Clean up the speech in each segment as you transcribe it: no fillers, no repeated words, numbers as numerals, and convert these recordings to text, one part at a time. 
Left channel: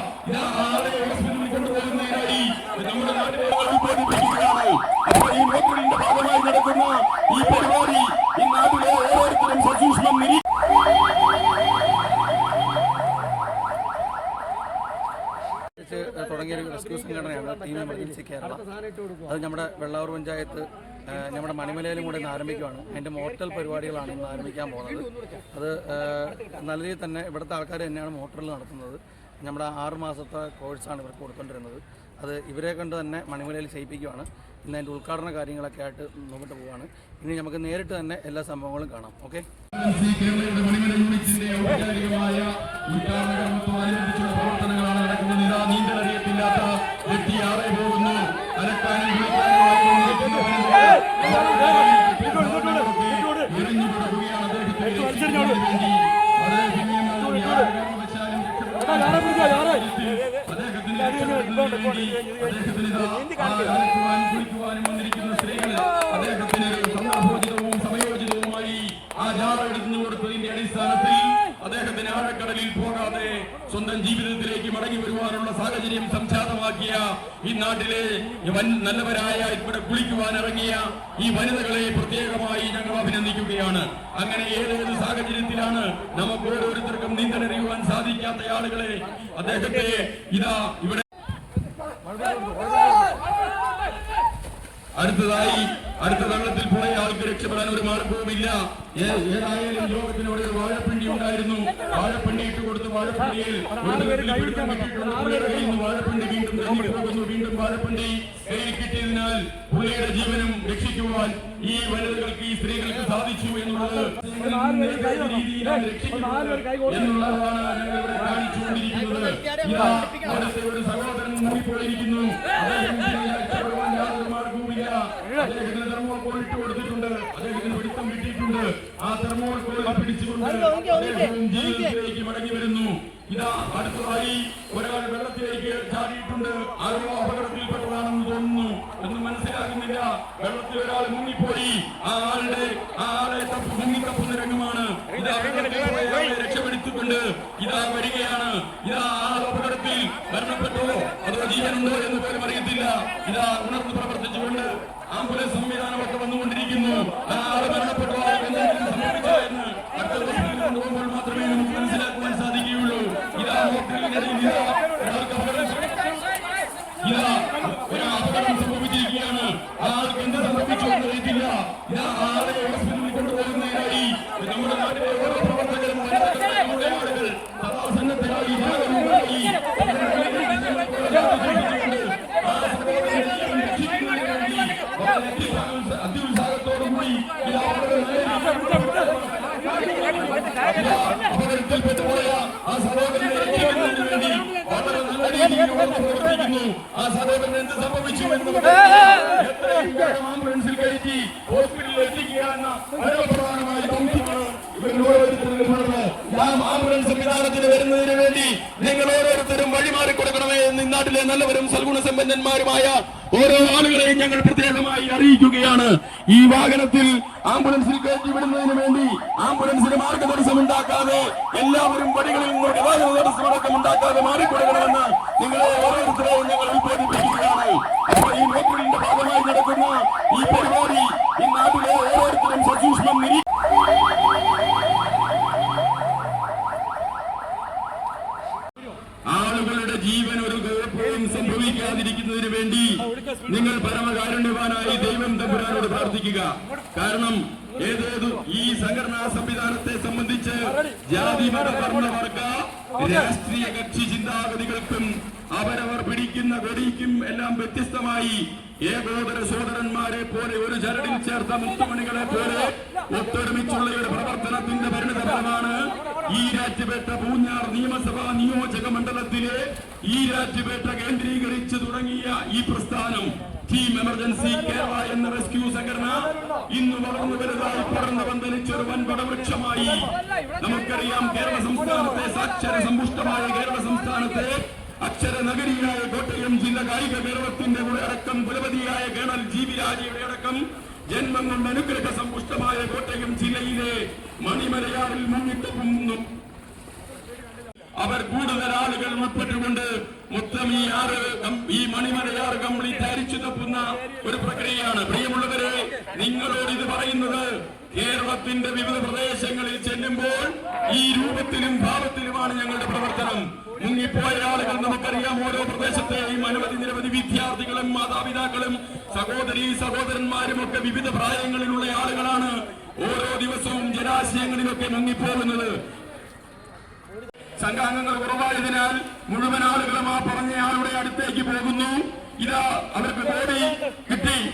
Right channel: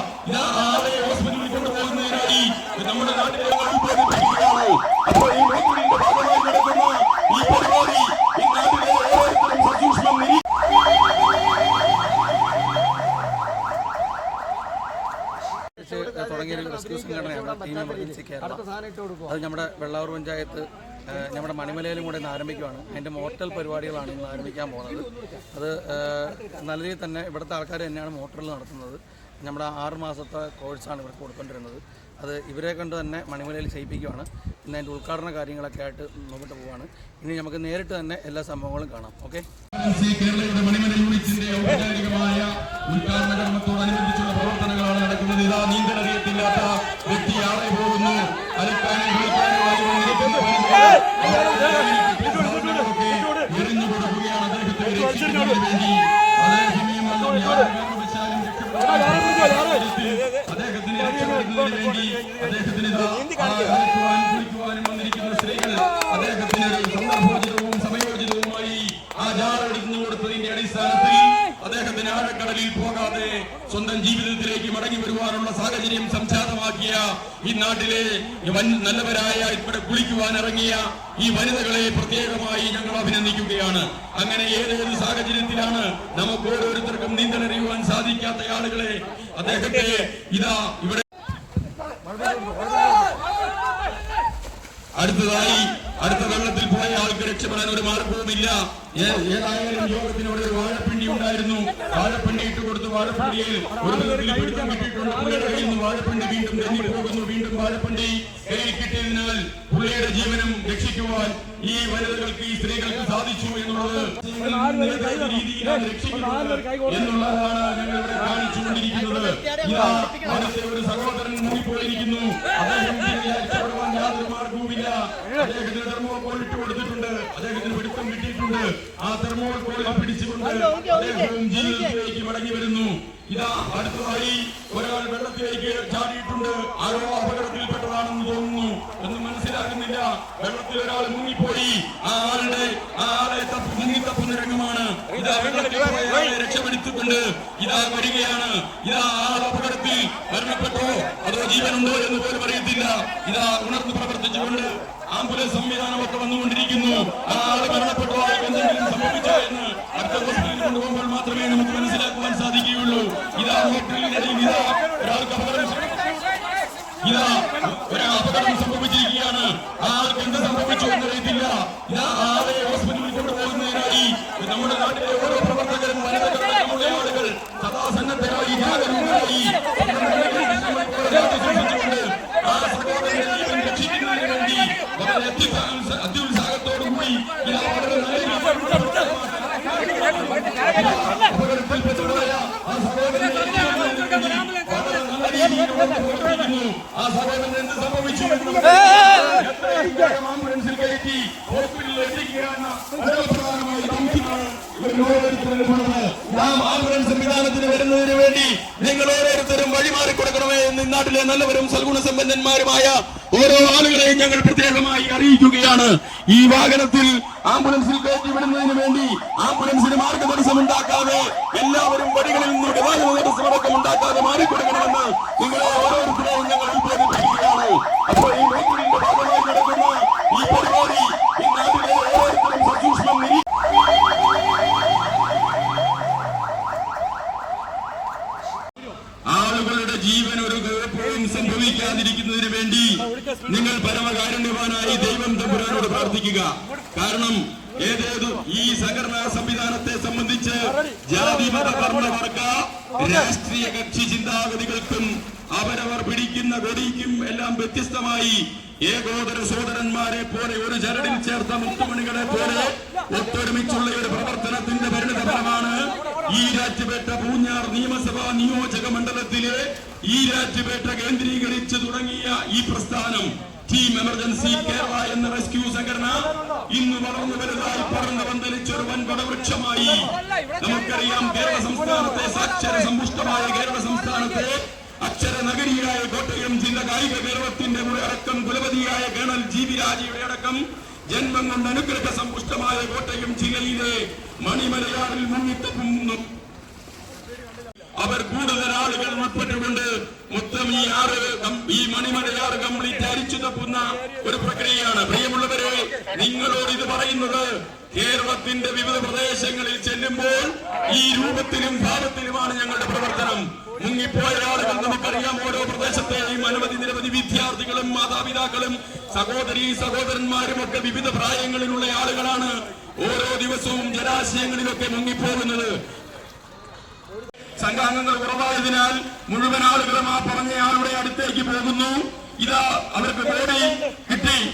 ഹോസ്പിറ്റലിൽ കൊണ്ടുപോകുന്നതിനായി നമ്മുടെ നാട്ടിലെ അപ്പോൾ ഈ മീറ്റിംഗിന്റെ ഭാഗമായി നടക്കുന്ന ഈ പരിപാടി ഈ നാട്ടിലെ ഓരോരുത്തരും സസൂക്ഷ്മം തുടങ്ങിയൊരു റെസ്ക്യൂ സംഘടനയാണ് ടീം എമർജൻസി കേരള. അത് നമ്മുടെ വെള്ളാവൂർ പഞ്ചായത്ത് നമ്മുടെ മണിമലയിലും കൂടെ ഇന്ന് ആരംഭിക്കുകയാണ്. അതിൻ്റെ മോർട്ടൽ പരിപാടികളാണ് ഇന്ന് ആരംഭിക്കാൻ പോകുന്നത്. അത് നല്ല രീതിയിൽ തന്നെ ഇവിടുത്തെ ആൾക്കാർ തന്നെയാണ് മോർട്ടൽ നടത്തുന്നത്. നമ്മുടെ 6 മാസത്തെ കോഴ്സാണ് ഇവർക്ക് കൊടുക്കൊണ്ടിരുന്നത്. അത് ഇവരെ കൊണ്ട് തന്നെ മണിമലയിൽ ചെയ്യിപ്പിക്കുകയാണ്. ഇന്ന് അതിൻ്റെ ഉദ്ഘാടന കാര്യങ്ങളൊക്കെ ആയിട്ട് മുമ്പോട്ട് പോവുകയാണ്. ഇനി നമുക്ക് നേരിട്ട് തന്നെ എല്ലാ സംഭവങ്ങളും കാണാം. ഓക്കെ. പ്രവർത്തനങ്ങളാണ് നടക്കുന്നത്. ഇതാ നീന്തലറിയത്തില്ലാത്ത വ്യക്തി ആറ് പോകുന്നു. എറിഞ്ഞു കൊടുക്കുകയാണ് കുളിക്കുവാനും വന്നിരിക്കുന്ന സ്ത്രീകൾ അദ്ദേഹത്തിന് സന്ദർഭോചിതവും സമയോചിതവുമായി ആ ജാറെടുത്തു കൊടുത്തതിന്റെ അടിസ്ഥാനത്തിൽ അദ്ദേഹത്തിന് ആഴക്കടലിൽ പോകാതെ സ്വന്തം ജീവിതത്തിലേക്ക് മടങ്ങി വരുവാനുള്ള സാഹചര്യം സംജാതമാക്കിയ ഈ നാട്ടിലെ നല്ലവരായ ഇവിടെ കുളിക്കുവാൻ ഇറങ്ങിയ ഈ വനിതകളെ പ്രത്യേകമായി ഞങ്ങൾ അഭിനന്ദിക്കുകയാണ്. അങ്ങനെ ഏതേത് സാഹചര്യത്തിലാണ് നമുക്ക് ഓരോരുത്തർക്കും നീന്തലറിയുവാൻ സാധിക്കാത്ത ആളുകളെ അദ്ദേഹത്തെ ഇതാ ഇവിടെ അടുത്ത വെള്ളത്തിൽ പോയ ആൾക്ക് രക്ഷപ്പെടാൻ ഒരു മാർഗവുമില്ല. ഏതായാലും യോഗത്തിന് ഒരു വാഴപ്പിണ്ടി ഉണ്ടായിരുന്നു. വാഴപ്പിണ്ടി ഇട്ട് കൊടുത്ത് വാഴപ്പിണ്ടിയിൽ ഒരു വിധത്തിൽ പിടുത്തം കിട്ടിയിട്ടുണ്ട്. പുള്ളിയുടെ കയ്യിൽ നിന്ന് വാഴപ്പിണ്ടി വീണ്ടും പോകുന്നു. വീണ്ടും വാഴപ്പിണ്ടി കയ്യിൽ കിട്ടിയതിനാൽ പുള്ളിയുടെ ജീവനും രക്ഷിക്കുവാൻ ഈ വനിതകൾക്ക് ഈ സ്ത്രീകൾക്ക് സാധിച്ചു എന്നുള്ളത് എന്നുള്ളതാണ് ഞങ്ങളിവിടെ കാണിച്ചുകൊണ്ടിരിക്കുന്നത്. അടുത്ത ഒരു സഹോദരൻ മൂടിപ്പോയിരിക്കുന്നു. യാതൊരു മാർഗവുമില്ല. അദ്ദേഹത്തിന് തെർമോകോൾ വിട്ടുകൊടുത്തിട്ടുണ്ട്. അദ്ദേഹത്തിന് പിടുത്തം കിട്ടിയിട്ടുണ്ട്. ആ തെർമോകോൾ പിടിച്ചുകൊണ്ട് അദ്ദേഹവും ജീവിതത്തിലേക്ക് മടങ്ങി വരുന്നു. ഇതാ അടുത്തതായി ഒരാൾ വെള്ളത്തിലേക്ക് ചാടിയിട്ടുണ്ട്. ആരോ അപകടത്തിൽപ്പെട്ടതാണെന്ന് തോന്നുന്നു. ഒന്നും മനസ്സിലാക്കുന്നില്ല. വെള്ളത്തിൽ ഒരാൾ മുങ്ങിപ്പോയി. ആളെ മുങ്ങിത്തപ്പുന്ന രംഗമാണ്. ഇതാ വെള്ളത്തിലെ രക്ഷപ്പെടുത്തിക്കൊണ്ട് ഇതാ വരികയാണ്. ഇതാ അപകടത്തിൽ മരണപ്പെട്ടോ അതോ ജീവനുണ്ടോ എന്ന് പോലും അറിയത്തില്ല. ഇതാ ഉണർന്ന് പ്രവർത്തിച്ചുകൊണ്ട് ആംബുലൻസ് സംവിധാനമൊക്കെ വന്നുകൊണ്ടിരിക്കുന്നു. ആളെ മരണപ്പെട്ടോ എന്തെങ്കിലും സംഭവിച്ചോ എന്ന് അടുത്ത ഹോസ്പിറ്റലിൽ കൊണ്ടുപോകുമ്പോൾ മാത്രമേ നമുക്ക് മനസ്സിലാക്കുവാൻ സാധിക്കുകയുള്ളൂ. ഇതാ ഹോട്ടലിനിടയിൽ ഒരപകടം സംഭവിച്ചിരിക്കുകയാണ്. ആൾക്ക് എന്ത് സംഭവിച്ചു എന്ന് അറിയത്തില്ല. ഇതാ ആളെ ഹോസ്പിറ്റലിൽ കൊണ്ടുപോകുന്നതിനായി നമ്മുടെ നാട്ടിലെ ഓരോ പ്രവർത്തകരും ആളുകൾ സദാസന്നദ്ധരായി ഭാഗമുണ്ടായി ആ സഹോദരനെ ജീവൻ രക്ഷിക്കുന്നതിന് വേണ്ടി അത്യുത്സാഹത്തോടുകൂടി അപകടത്തിൽപ്പെട്ടുപോയ ആ സഹോദരനെ രക്ഷിക്കുന്നതിന് വേണ്ടി ആ സഹോദരൻ എന്ത് സംഭവിച്ചു ആംബുലൻസിൽ കയറ്റി ഹോസ്പിറ്റലിൽ എത്തിക്കുകയാണ്. ആംബുലൻസ് സംവിധാനത്തിന് വരുന്നതിന് വേണ്ടി നിങ്ങൾ ഓരോരുത്തരും വഴിമാറി കൊടുക്കണമേ എന്ന് നാട്ടിലെ നല്ലവരും സൽഗുണസമ്പന്നന്മാരുമായ ഓരോ ആളുകളെയും ഞങ്ങൾ പ്രത്യേകമായി അറിയിക്കുകയാണ്. ഈ വാഹനത്തിൽ ആംബുലൻസിൽ കയറ്റി വിടുന്നതിന് വേണ്ടി ആംബുലൻസിന് മാർഗതടസ്സം ഉണ്ടാക്കാതെ എല്ലാവരും വഴികളിൽ നിന്ന് ഗതാഗത തടസ്സമടക്കം ഉണ്ടാക്കാതെ മാറിക്കൊടുക്കണമെന്ന് നിങ്ങളെ ഓരോരുത്തരെയും ഞങ്ങൾ ഉത്ബോധിപ്പിക്കുകയാണ്. അപ്പോൾ ഈ മീറ്റിംഗിന്റെ ഭാഗമായി നടക്കുന്ന ഈ പരിപാടി ഈ നാട്ടിലെ ഓരോരുത്തരും സസൂക്ഷ്മം ആളുകളുടെ ജീവൻ ഒരു കുഴപ്പവും സംഭവിക്കാതിരിക്കുന്നതിന് വേണ്ടി നിങ്ങൾ പരമകാരുണ്യവാനായി ദൈവം തമ്പുരാനോട് പ്രാർത്ഥിക്കുക. കാരണം ഈ സംഘടനാ സംവിധാനത്തെ സംബന്ധിച്ച് ജാതി മത വർണ്ണവർഗ രാഷ്ട്രീയ കക്ഷി ചിന്താഗതികൾക്കും അവരവർ പിടിക്കുന്ന വെടിക്കും എല്ലാം വ്യത്യസ്തമായി ഏകോദര സഹോദരന്മാരെ പോലെ ഒരു ചരടിൽ ചേർത്ത മുത്തുമണികളെ പോലെ ഒത്തൊരുമിച്ചുള്ള ഒരു പ്രവർത്തനത്തിന്റെ പരിണിതഫലമാണ് ഈരാറ്റുപേട്ട പൂഞ്ഞാർ നിയമസഭാ നിയോജക മണ്ഡലത്തിലെ ഈരാറ്റുപേട്ട കേന്ദ്രീകരിച്ച് തുടങ്ങിയ ഈ പ്രസ്ഥാനം ടീം എമർജൻസി കേരള എന്ന റെസ്ക്യൂ സംഘടന ഇന്ന് വളർന്നു വലുതായി പറന്ന് പന്തലിച്ച ഒരു വൻപട വൃക്ഷമായി. നമുക്കറിയാം, കേരള സംസ്ഥാനത്തെ സാക്ഷര സമ്പുഷ്ടമായ കേരള സംസ്ഥാനത്തെ അക്ഷര നഗരിയായ കോട്ടയം ജില്ല കായിക കേരളത്തിന്റെ അടക്കം കുലപതിയായ കേണൽ ജി.വി. രാജയുടെ അടക്കം ജന്മം കൊണ്ട് അനുഗ്രഹ സമ്പുഷ്ടമായ കോട്ടയം ജില്ലയിലെ മണിമലയാറിൽ മുങ്ങിത്തപ്പുന്നു. അവർ കൂടുതൽ ആളുകൾ ഉൾപ്പെട്ടുകൊണ്ട് മൊത്തം ഈ മണിമലയാറ് കംപ്ലീറ്റ് അരിച്ചു തപ്പുന്ന ഒരു പ്രക്രിയയാണ്. പ്രിയമുള്ളവരെ, നിങ്ങളോട് ഇത് പറയുന്നത് കേരളത്തിന്റെ വിവിധ പ്രദേശങ്ങളിൽ ചെല്ലുമ്പോൾ ഈ രൂപത്തിലും ഭാവത്തിലുമാണ് ഞങ്ങളുടെ പ്രവർത്തനം. മുങ്ങിപ്പോയ ആളുകൾ നമുക്കറിയാം. ഓരോ പ്രദേശത്തെയും നിരവധി വിദ്യാർത്ഥികളും മാതാപിതാക്കളും സഹോദരീ സഹോദരന്മാരും ഒക്കെ വിവിധ പ്രായങ്ങളിലുള്ള ആളുകളാണ് ഓരോ ദിവസവും ജലാശയങ്ങളിലൊക്കെ മുങ്ങിപ്പോകുന്നത്. സംഘാംഗങ്ങൾ കുറവായതിനാൽ മുഴുവൻ ആളുകളും ആ പറഞ്ഞ ആളുടെ അടുത്തേക്ക് പോകുന്നു. ഇതാ അവർക്ക്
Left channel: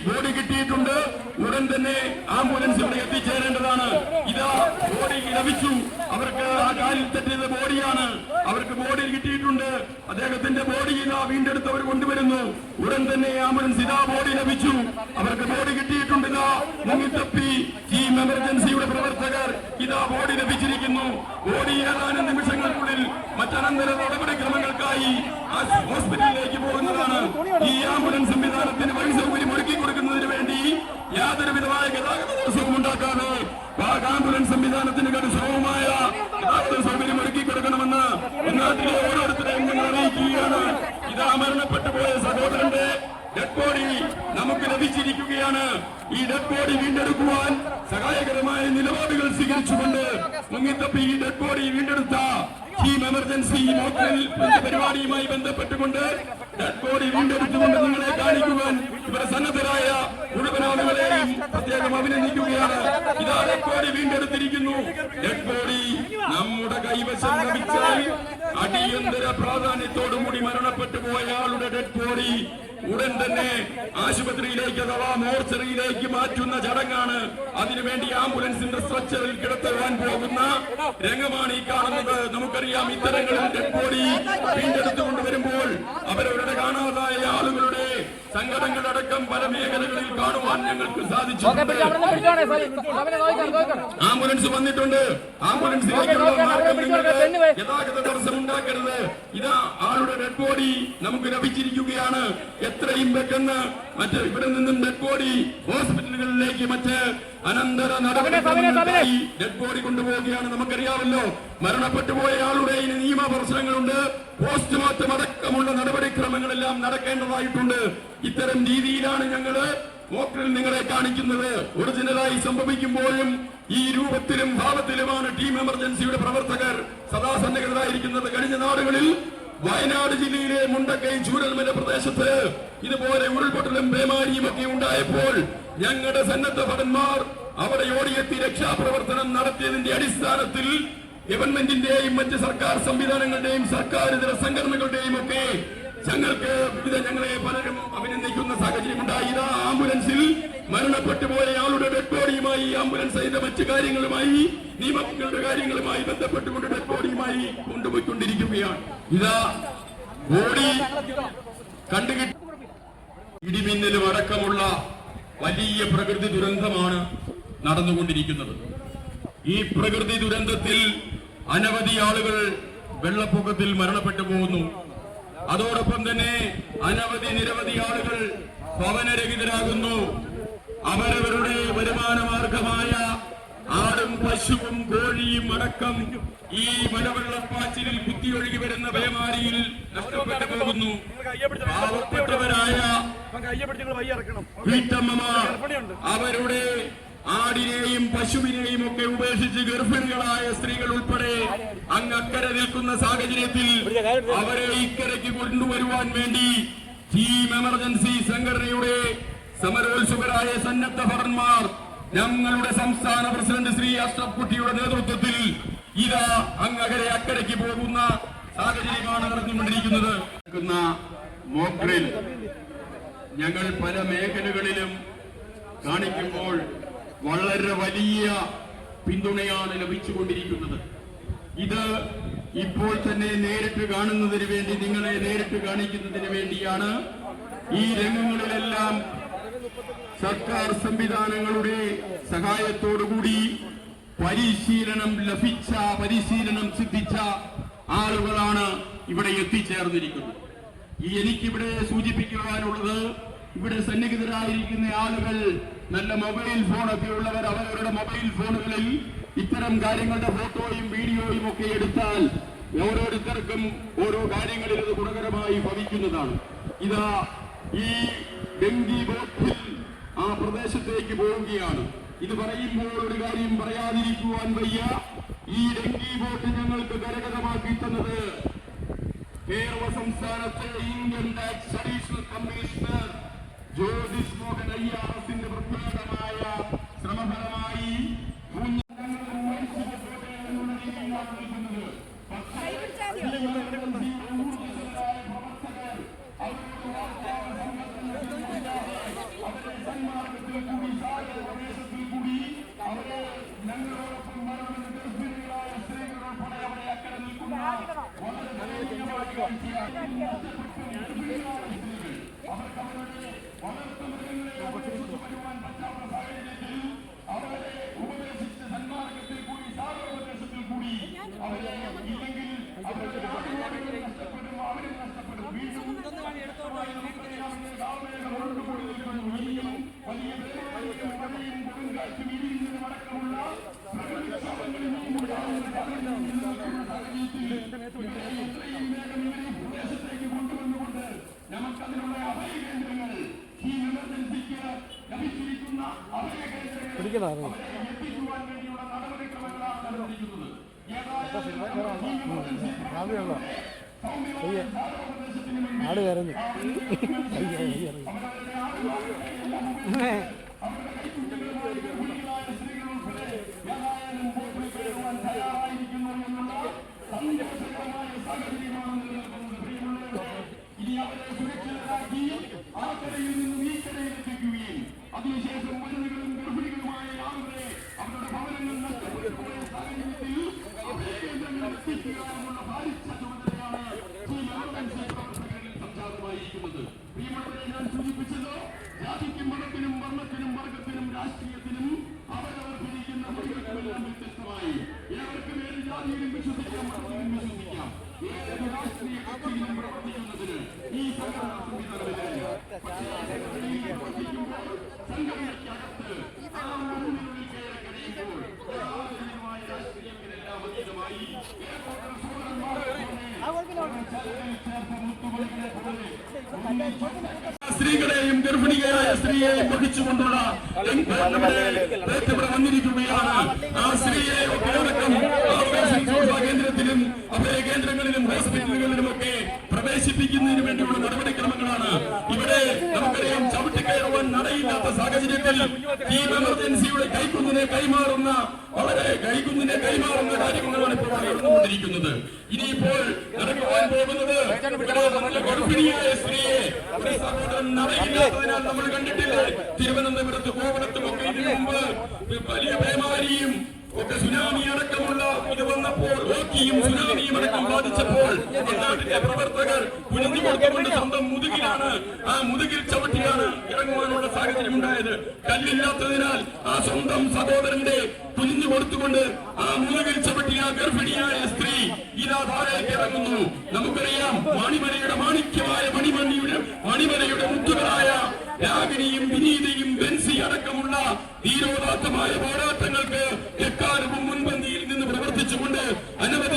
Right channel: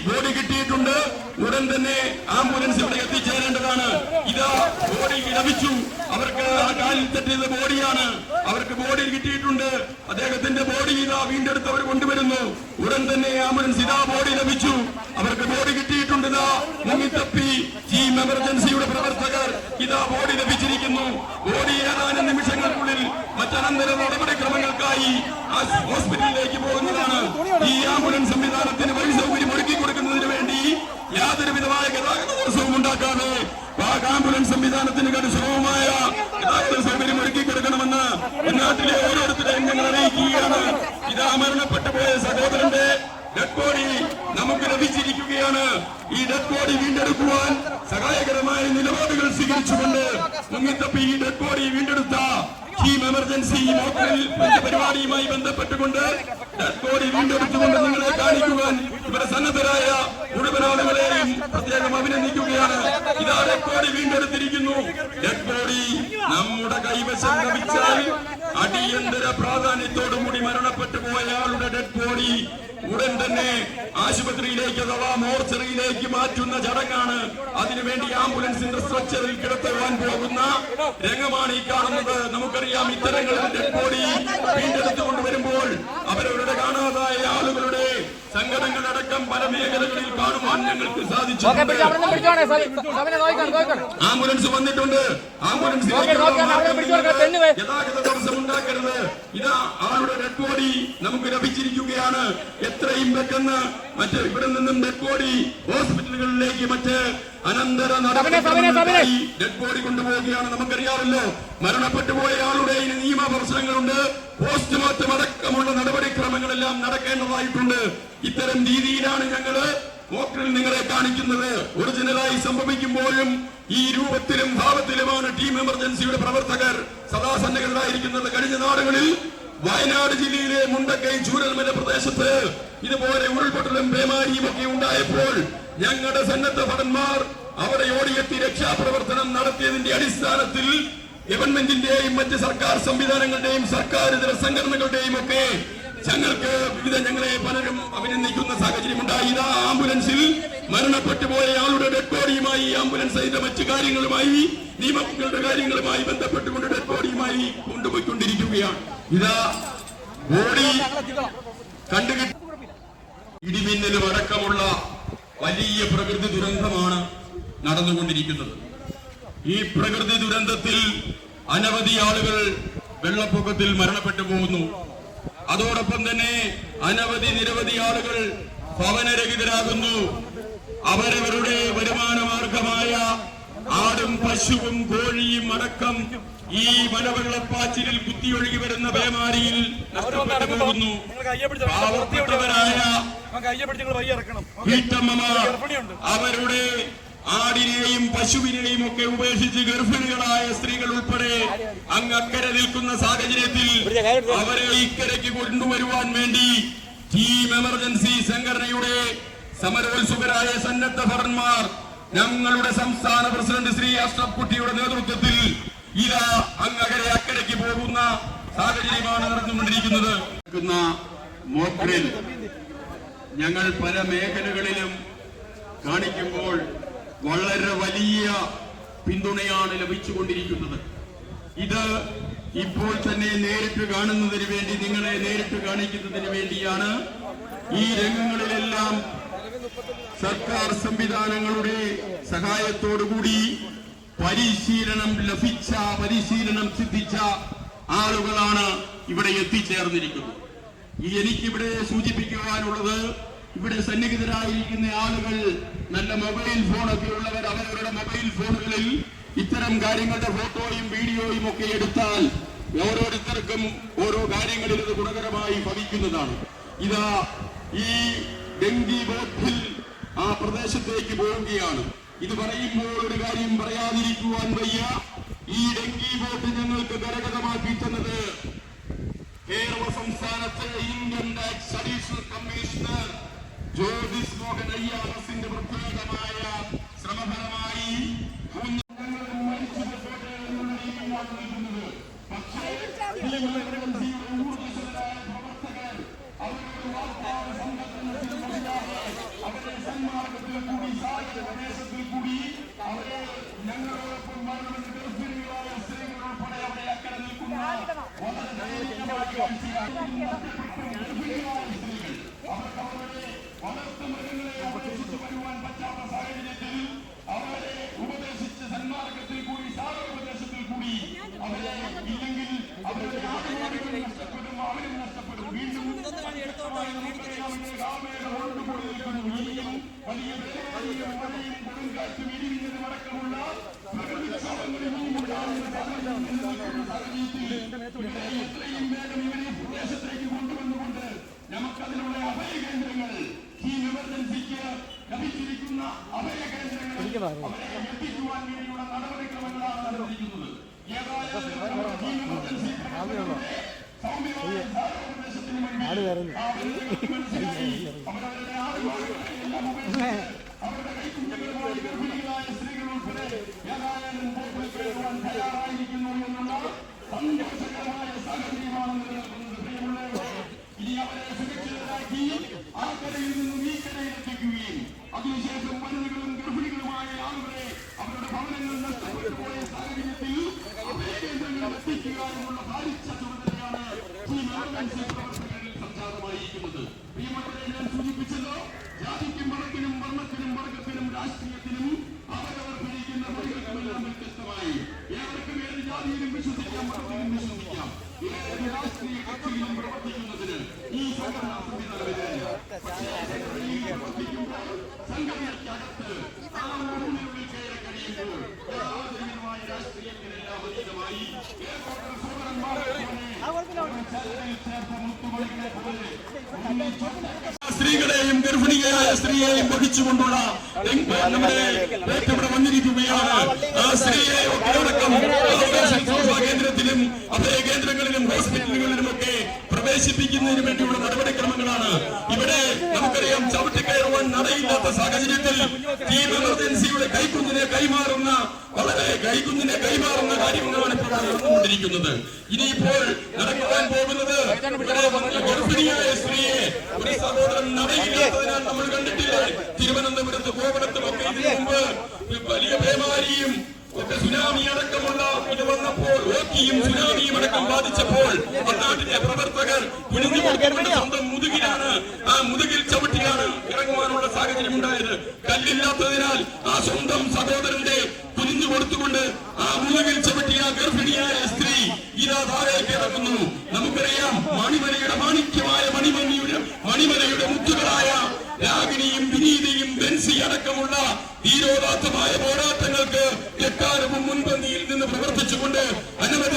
ബോഡി കിട്ടിയിട്ടുണ്ട്. ഉടൻ തന്നെ ആംബുലൻസ് ഇവിടെ എത്തിച്ചേരേണ്ടതാണ്. ഇതാ ബോഡി ലഭിച്ചു. അവർക്ക് ആ കാലിൽ തട്ടിയത് ബോഡിയാണ്. അവർക്ക് ബോഡി കിട്ടിയിട്ടുണ്ട്. അദ്ദേഹത്തിന്റെ ബോഡി ഇതാ വീണ്ടെടുത്ത് അവർ കൊണ്ടുവരുന്നു. ഉടൻ തന്നെ ആംബുലൻസ് ഇതാ ബോഡി ലഭിച്ചു. അവർക്ക് ബോഡി കിട്ടിയിട്ടുണ്ട്. ഇതാ മുങ്ങിത്തപ്പി ടീം എമർജൻസിയുടെ പ്രവർത്തകർ ഇതാ ബോഡി ലഭിച്ചിരിക്കുന്നു. ബോഡി ഏതാനും നിമിഷങ്ങൾക്കുള്ളിൽ മറ്റനന്തര നടപടിക്രമങ്ങൾക്കായി ഹോസ്പിറ്റലിലേക്ക് പോകുന്നതാണ്. ഈ ആംബുലൻസ് സംവിധാനത്തിന് വഴി സൗകര്യം ഒരുക്കി കൊടുക്കുന്നതിന് വേണ്ടി യാതൊരു വിധമായ ഗതാഗത തടസ്സവും ഉണ്ടാക്കാതെ ആംബുലൻസ് സംവിധാനത്തിന് സുഗമമായ ഗതാഗത സൗകര്യം ഒരുക്കി കൊടുക്കണമെന്ന് നാട്ടിലെ ഓരോരുത്തരെയും ഞങ്ങൾ അറിയിക്കുകയാണ്. ഇതാ മരണപ്പെട്ടു പോയ സഹോദരന്റെ ഡെഡ് ബോഡി നമുക്ക് ലഭിച്ചിരിക്കുകയാണ്. ഈ ഡെഡ് ബോഡി വീണ്ടെടുക്കുവാൻ സഹായകരമായ നിലപാടുകൾ സ്വീകരിച്ചുകൊണ്ട് മുങ്ങിത്തപ്പി ഈ ഡെഡ് ബോഡി വീണ്ടെടുത്ത ടീം എമർജൻസി മോക്കൽ പരിപാടിയുമായി ബന്ധപ്പെട്ടുകൊണ്ട് ഡെഡ് ബോഡി വീണ്ടെടുത്തുകൊണ്ട് നിങ്ങളെ കാണിക്കുവാൻ ഇവരെ സന്നദ്ധരായ മുഴുവൻ ആളുകളെയും പ്രത്യേകം അഭിനന്ദിക്കുകയാണ്. ഇതാ ഡെഡ് ബോഡി വീണ്ടെടുത്തിരിക്കുന്നു. ഡെഡ് ബോഡി നമ്മുടെ കൈവശം ലഭിച്ചാൽ അടിയന്തര പ്രാധാന്യത്തോടുകൂടി മരണപ്പെട്ടു പോയ ആളുടെ ഡെഡ് ബോഡി ഉടൻ തന്നെ ആശുപത്രിയിലേക്ക് അഥവാ മോർച്ചറിയിലേക്ക് മാറ്റുന്ന ചടങ്ങാണ്. അതിനുവേണ്ടി ആംബുലൻസിന്റെ സ്ട്രക്ചറിൽ കിടത്തുവാൻ പോകുന്ന രംഗമാണ് ഈ കാണുന്നത്. നമുക്കറിയാം, ഇത്തരങ്ങളിൽ ഡെഡ് ബോഡി വീണ്ടെടുത്തുകൊണ്ട് വരുമ്പോൾ അവരവരുടെ കാണാതായ ആളുകളുടെ സംഘടനകളടക്കം പല മേഖലകളിൽ കാണുവാൻ ഞങ്ങൾക്ക് സാധിച്ചു. ആംബുലൻസ് വന്നിട്ടുണ്ട്. ആംബുലൻസിലേക്കുള്ള ഗതാഗത തടസ്സം ഉണ്ടാക്കരുത്. ഇതാ ആളുടെ ഡെഡ് ബോഡി നമുക്ക് ലഭിച്ചിരിക്കുകയാണ്. എത്രയും പെട്ടെന്ന് ഇവിടെ നിന്നും ഡെഡ് ബോഡി ഹോസ്പിറ്റലുകളിലേക്ക് മറ്റ് അനന്തര നടപടിക്രമങ്ങൾക്കായി ഡെഡ് ബോഡി കൊണ്ടുപോവുകയാണ്. നമുക്കറിയാമല്ലോ, മരണപ്പെട്ടു പോയ ആളുടെ നിയമ പ്രശ്നങ്ങളുണ്ട്. പോസ്റ്റ്മോർട്ടം അടക്കമുള്ള നടപടിക്രമങ്ങളെല്ലാം നടക്കേണ്ടതായിട്ടുണ്ട്. ഇത്തരം രീതിയിലാണ് ഞങ്ങള് മോക്കിൽ നിങ്ങളെ കാണിക്കുന്നത്. ഒറിജിനലായി സംഭവിക്കുമ്പോഴും ഈ രൂപത്തിലും ഭാവത്തിലുമാണ് ടീം എമർജൻസിയുടെ പ്രവർത്തകർ സദാ സന്നദ്ധരായിരിക്കുന്നത്. കഴിഞ്ഞ നാടുകളിൽ വയനാട് ജില്ലയിലെ മുണ്ടക്കൈ ചൂരൽമല പ്രദേശത്ത് ഇതുപോലെ ഉരുൾപൊട്ടലും പേമാരിയും ഒക്കെ ഉണ്ടായപ്പോൾ ഞങ്ങളുടെ സന്നദ്ധ ഭടന്മാർ അവിടെ ഓടിയെത്തി രക്ഷാപ്രവർത്തനം നടത്തിയതിന്റെ അടിസ്ഥാനത്തിൽ ഗവൺമെന്റിന്റെയും മറ്റ് സർക്കാർ സംവിധാനങ്ങളുടെയും സർക്കാരിതര സംഘടനകളുടെയും ഒക്കെ ഞങ്ങളെ പലരും അഭിനന്ദിക്കുന്ന സാഹചര്യം ഉണ്ടായി. ഇതാ ആംബുലൻസിൽ മരണപ്പെട്ടു പോയ ആളുടെ ഡെഡ് ബോഡിയുമായി ആംബുലൻസ് അതിന്റെ മറ്റു കാര്യങ്ങളുമായി നിയമങ്ങളുടെ കാര്യങ്ങളുമായി ബന്ധപ്പെട്ടുകൊണ്ട് ഡെഡ് ബോഡിയുമായി കൊണ്ടുപോയിക്കൊണ്ടിരിക്കുകയാണ്. ഇതാ ബോഡി കണ്ടുകിട്ടി. ഇടിമിന്നലും അടക്കമുള്ള വലിയ പ്രകൃതി ദുരന്തമാണ് നടന്നുകൊണ്ടിരിക്കുന്നത്. ഈ പ്രകൃതി ദുരന്തത്തിൽ അനവധി ആളുകൾ വെള്ളപ്പൊക്കത്തിൽ മരണപ്പെട്ടു പോകുന്നു. അതോടൊപ്പം തന്നെ നിരവധി ആളുകൾ ഭവനരഹിതരാകുന്നു. അവരവരുടെ വരുമാന മാർഗമായ ആടും പശുവും കോഴിയും അടക്കം ഈ മലവെള്ളപ്പാച്ചിലിൽ കുത്തിയൊഴുകി വരുന്ന പേമാരിയിൽ നഷ്ടപ്പെട്ടു പോകുന്നു. പാവപ്പെട്ടവരായ വീട്ടമ്മമാർ അവരുടെ ആടിനെയും പശുവിനെയും ഒക്കെ ഉപേക്ഷിച്ച് ഗർഭിണികളായ സ്ത്രീകൾ ഉൾപ്പെടെ അങ്ങക്കരെ നിൽക്കുന്ന സാഹചര്യത്തിൽ അവരെ ഇക്കരയ്ക്ക് കൊണ്ടുവരുവാൻ വേണ്ടി ടീം എമർജൻസി സംഘടനയുടെ സമരോത്സുകരായ സന്നദ്ധ ഭടന്മാർ ഞങ്ങളുടെ സംസ്ഥാന പ്രസിഡന്റ് ശ്രീ അഷ്റഫ് കുട്ടിയുടെ നേതൃത്വത്തിൽ ഇതാ അങ്ങകരെ അക്കരയ്ക്ക് പോകുന്ന സാഹചര്യമാണ് നടന്നുകൊണ്ടിരിക്കുന്നത്. മോക്ഡ്രിൽ ഞങ്ങൾ പല മേഖലകളിലും കാണിക്കുമ്പോൾ വളരെ വലിയ പിന്തുണയാണ് ലഭിച്ചുകൊണ്ടിരിക്കുന്നത്. ഇത് ഇപ്പോൾ തന്നെ നേരിട്ട് കാണുന്നതിന് വേണ്ടി, നിങ്ങളെ നേരിട്ട് കാണിക്കുന്നതിന് വേണ്ടിയാണ്. ഈ രംഗങ്ങളിലെല്ലാം സർക്കാർ സംവിധാനങ്ങളുടെ സഹായത്തോടുകൂടി പരിശീലനം സിദ്ധിച്ച ആളുകളാണ് ഇവിടെ എത്തിച്ചേർന്നിരിക്കുന്നത്. എനിക്കിവിടെ സൂചിപ്പിക്കുവാനുള്ളത്, ഇവിടെ സന്നിഹിതരായിരിക്കുന്ന ആളുകൾ നല്ല മൊബൈൽ ഫോണൊക്കെ ഉള്ളവർ അവരവരുടെ മൊബൈൽ ഫോണുകളിൽ ഇത്തരം കാര്യങ്ങളുടെ ഫോട്ടോയും വീഡിയോയും ഒക്കെ എടുത്താൽ ഓരോരുത്തർക്കും ഓരോ കാര്യങ്ങളിൽ അത് ഗുണകരമായി ഭവിക്കുന്നതാണ്. ഇതാ ഈ ഡെങ്കി ബോട്ടിൽ ആ പ്രദേശത്തേക്ക് പോവുകയാണ്. ഇത് പറയുമ്പോൾ ഒരു കാര്യം പറയാതിരിക്കുവാൻ വയ്യ. ഈ ഡെങ്കി ബോട്ട് ഞങ്ങൾക്ക് കരഗതമാക്കി തന്നത് കേരള സംസ്ഥാനത്തെ income tax additional commissioner Jyothis Mohan അയ്യാസിന്റെ പ്രത്യേകമായ ശ്രമഫലമായി ആട് കരഞ്ഞു. അതിനുശേഷം മരുന്നുകളും ഗർഭിണികളുമായ ആളുകളെ അവരുടെ ഭവനങ്ങൾ നഷ്ടപ്പെടുത്തിയ സാഹചര്യത്തിൽ എത്തിക്കാനുള്ള ഭാരിച്ച ചുമതലയാണ് സംജാതമായിരിക്കുന്നത്. ഞാൻ സൂചിപ്പിച്ചത് ജാതിക്കും മതത്തിനും വർണ്ണത്തിനും വർഗത്തിനും രാഷ്ട്രീയത്തിനും അവരവർ ഭരിക്കുന്ന മതങ്ങളെല്ലാം വ്യത്യസ്തമായി ഏവർക്കും ഏത് ജാതിയിലും വിശ്വസിക്കാം, മതത്തിലും വിശ്വസിക്കാം. ഏത് രാഷ്ട്രീയ കക്ഷിയിലും പ്രവർത്തിക്കുന്നതിന് ഈ സംഘടനാ സംവിധാനമില്ല. സംഘടനയ്ക്കകത്ത് ആ മുന്നിനുള്ളിൽ കയറി കഴിയുമ്പോൾ ആധുനികമായ രാഷ്ട്രീയത്തിനെല്ലാം അതീതമായി സ്ത്രീകളെയും ഗർഭിണികളായ സ്ത്രീയെയും വഹിച്ചുകൊണ്ടുള്ള ഇവിടെ വന്നിരിക്കുകയാണ്. ആ സ്ത്രീയെ കേന്ദ്രത്തിലും അഭയ കേന്ദ്രങ്ങളിലും ഹോസ്പിറ്റലുകളിലുമൊക്കെ പ്രവേശിപ്പിക്കുന്നതിന് വേണ്ടിയുള്ള നടപടിക്രമങ്ങളാണ്. ഇവിടെ നമുക്കറിയാം ചവിട്ടിക്കയറുവാൻ നടയില്ലാത്ത സാഹചര്യത്തിൽ ടീം എമർജൻസിയുടെ കൈക്കുഞ്ഞിനെ കൈമാറുന്ന കാര്യങ്ങളാണ് ഇപ്പോൾ നടന്നുകൊണ്ടിരിക്കുന്നത്. ഇനിയിപ്പോൾ നടക്കാൻ പോകുന്നത് ഗർഭിണിയായ സ്ത്രീയെ ഒരു സഹോദരൻ നടയില്ലാത്തതിനാൽ നമ്മൾ കണ്ടിട്ടില്ലേ? തിരുവനന്തപുരത്ത് കോവളത്തുമൊക്കെ ഇതിനു മുമ്പ് വലിയ പേമാരിയും സുനാമി അടക്കമുള്ള ഇത് വന്നപ്പോൾ ഓക്കിയും സുനാമിയും അടക്കം ബാധിച്ചപ്പോൾ നാട്ടിലെ പ്രവർത്തകർ കുഴിഞ്ഞു കൊടുത്തുകൊണ്ട് സ്വന്തം മുതുകിലാണ് ആ മുതുകിൽ ചവിട്ടിയാണ് ഇറങ്ങുവാനുള്ള സാഹചര്യം ഉണ്ടായത്. കല്ലില്ലാത്തതിനാൽ ആ സ്വന്തം സഹോദരന്റെ കുഴിഞ്ഞു കൊടുത്തുകൊണ്ട് ആ മുതുകിൽ ചവിട്ടിയ ഗർഭിണിയായ സ്ത്രീ ഇതാ താഴേക്ക് ഇറങ്ങുന്നു. നമുക്കറിയാം മണിമലയുടെ മാണിക്യമായ മണിമലയുടെ മുത്തുകളായ രാഗിണിയും വിനീതയും ബെൻസി അടക്കമുള്ള ധീരോദാത്തമായ പോരാട്ടങ്ങൾക്ക് എക്കാലവും മുൻപന്തിയിൽ നിന്ന് പ്രവർത്തിച്ചുകൊണ്ട്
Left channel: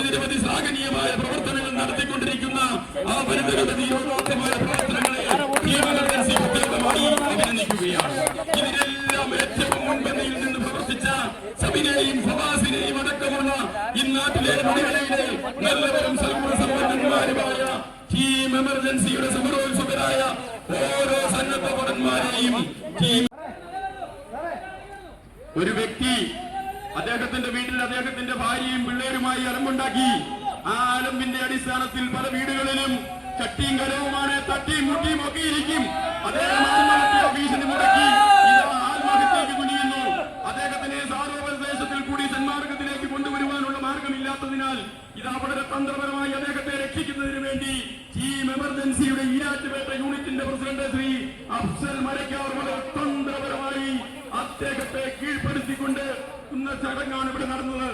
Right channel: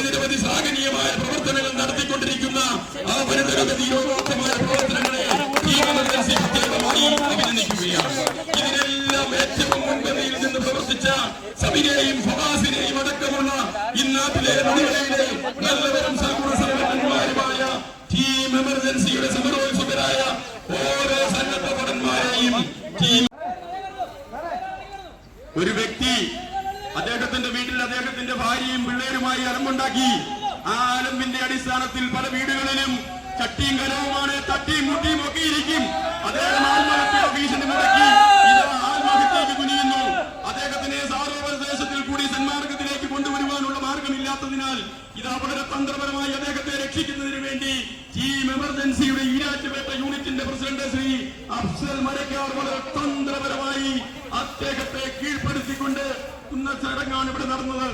നിരവധി ശ്ലാഘനീയമായ പ്രവർത്തനങ്ങൾ നടത്തിക്കൊണ്ടിരിക്കുന്ന ആ വനിതകളുടെ ധീരോദാത്തമായ പ്രവർത്തനങ്ങളെ പ്രത്യേകമായി അഭിനന്ദിക്കുകയാണ്. ഇതിനെല്ലാം ഏറ്റവും മുൻപന്തിയിൽ നിന്ന് പ്രവർത്തിച്ച സബിനെയും ഫവാസിനെയും അടക്കമുള്ള ഇന്നാട്ടിലെ നല്ലവരും സർവന്മാരുമായ ടീം എമർജൻസിയുടെ സമരോത്സുകരായ ഓരോ സന്നദ്ധ ഭടന്മാരെയും ഒരു വ്യക്തി അദ്ദേഹത്തിന്റെ വീട്ടിൽ അദ്ദേഹത്തിന്റെ ഭാര്യയും പിള്ളേരുമായി അലമ്പുണ്ടാക്കി. ആ അലമ്പിന്റെ അടിസ്ഥാനത്തിൽ പല വീടുകളിലും ചട്ടിയും കലവുമാണ്, തട്ടിയും മുട്ടിയും ഒക്കെ ഇരിക്കും. അദ്ദേഹം ആത്മഹത്യ ഭീഷണി മുടക്കി ആത്മഹത്യക്ക് കുനിയുന്നു. അദ്ദേഹത്തിനെ സാർവദേശത്തിൽ കൂടി സന്മാർഗത്തിലേക്ക് കൊണ്ടുവരുവാനുള്ള മാർഗമില്ലാത്തതിനാൽ ഇതാ വളരെ തന്ത്രപരമായി അദ്ദേഹത്തെ രക്ഷിക്കുന്നതിന് വേണ്ടി ടീം എമർജൻസിയുടെ ഈരാറ്റുപേട്ട യൂണിറ്റിന്റെ പ്രസിഡന്റ് ശ്രീ അഫ്സൽ മരക്കാർ വളരെ തന്ത്രപരമായി അദ്ദേഹത്തെ കീഴ്പ്പെടുത്തിക്കൊണ്ട് ചടങ്ങാണ് ഇവിടെ നടന്നത്.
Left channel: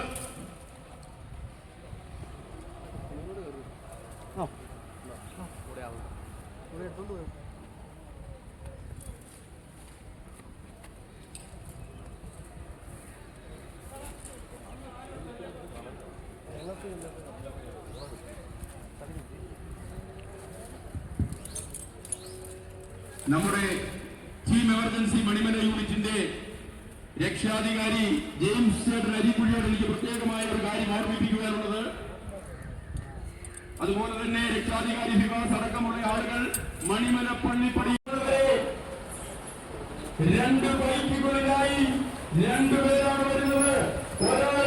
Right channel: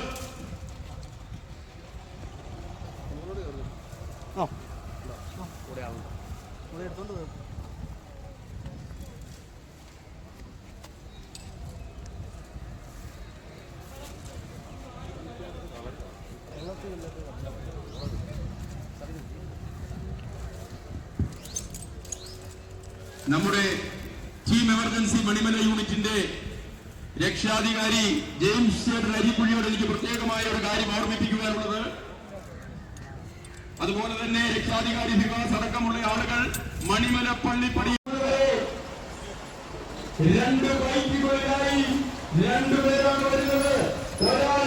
നമ്മുടെ ടീം എമർജൻസി മണിമല യൂണിറ്റിന്റെ രക്ഷാധികാരി ജെയിംസ് ചേട്ടൻ അരിക്കുഴിയോട് എനിക്ക് പ്രത്യേകമായ ഒരു കാര്യം ഓർമ്മിപ്പിക്കുവാനുള്ളത്, അതുപോലെ തന്നെ രക്ഷാധികാരി വികാസ് അടക്കമുള്ള ആളുകൾ മണിമല പള്ളി രണ്ട് ബൈക്കുകളിലായി രണ്ടുപേരാണ് വരുന്നത്. ഒരാൾ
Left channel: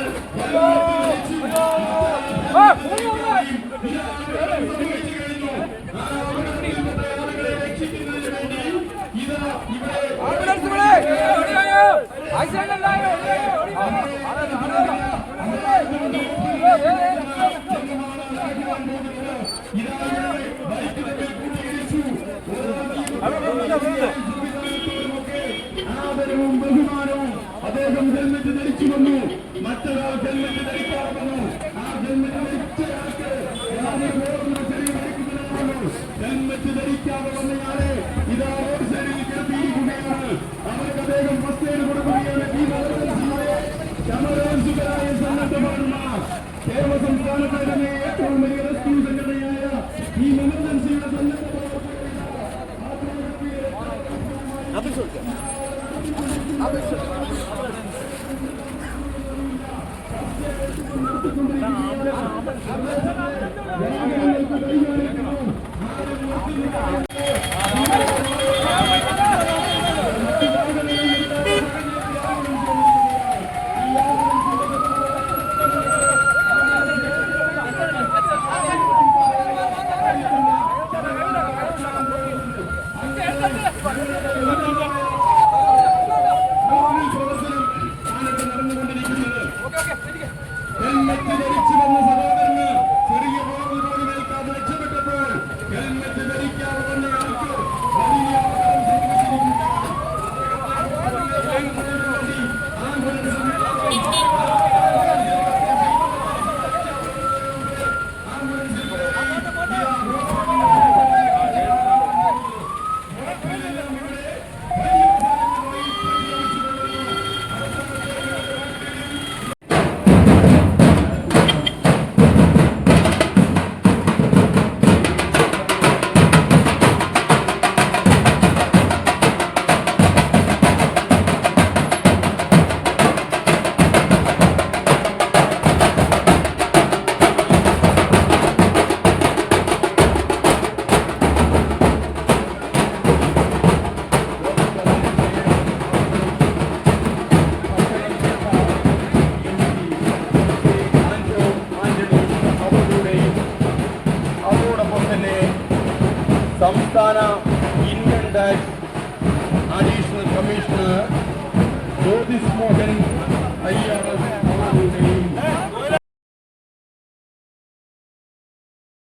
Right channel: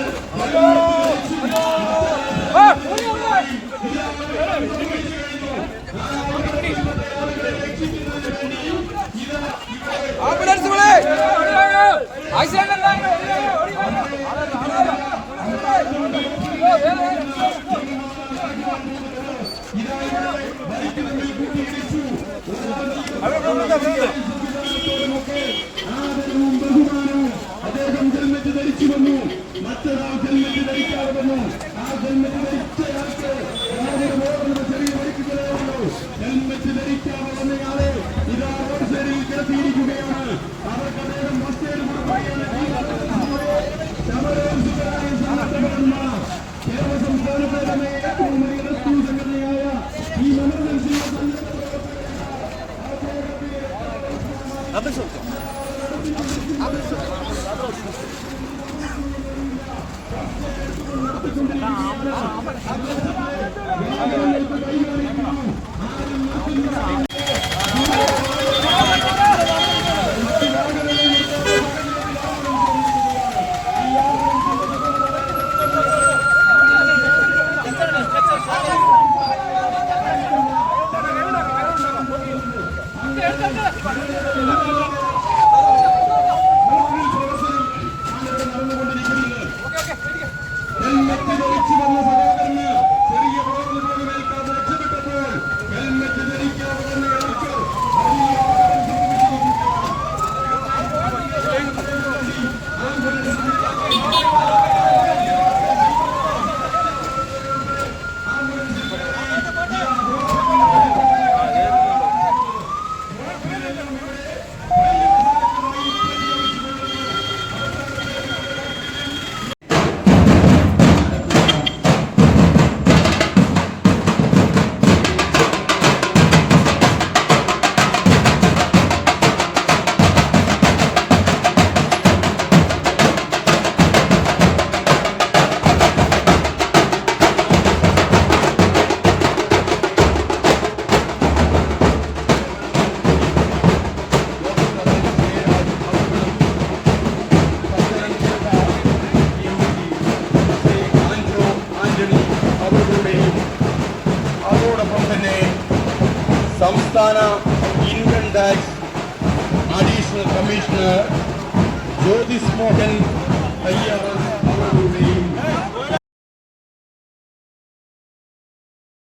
അദ്ദേഹം ഹെൽമെറ്റ് ധരിച്ചു വന്നു, മറ്റൊരാൾ ഹെൽമെറ്റ് ധരിക്കാതെ വന്നു. ആ ഹെൽമെറ്റ് ധരിച്ചയാൾക്ക് ചെറിയ പരിക്കുകളായിരുന്നു. ഹെൽമെറ്റ് ധരിക്കാതെ വന്നയാളെ ഇതാ റോഡ് സൈഡിൽ കിടത്തിയിരിക്കുകയാണ്. അവർക്ക് അദ്ദേഹം മറ്റൊരു കൊടുക്കുകയാണ്. ഈ സമരോത്സുകരായ സംഘടന കേരള സംസ്ഥാനത്തെ തന്നെ ഏറ്റവും വലിയ റെസ്ക്യൂ സംഘടനയായ ഈ എമർജൻസി സംസ്ഥാന income tax additional commissioner Jyothis Mohan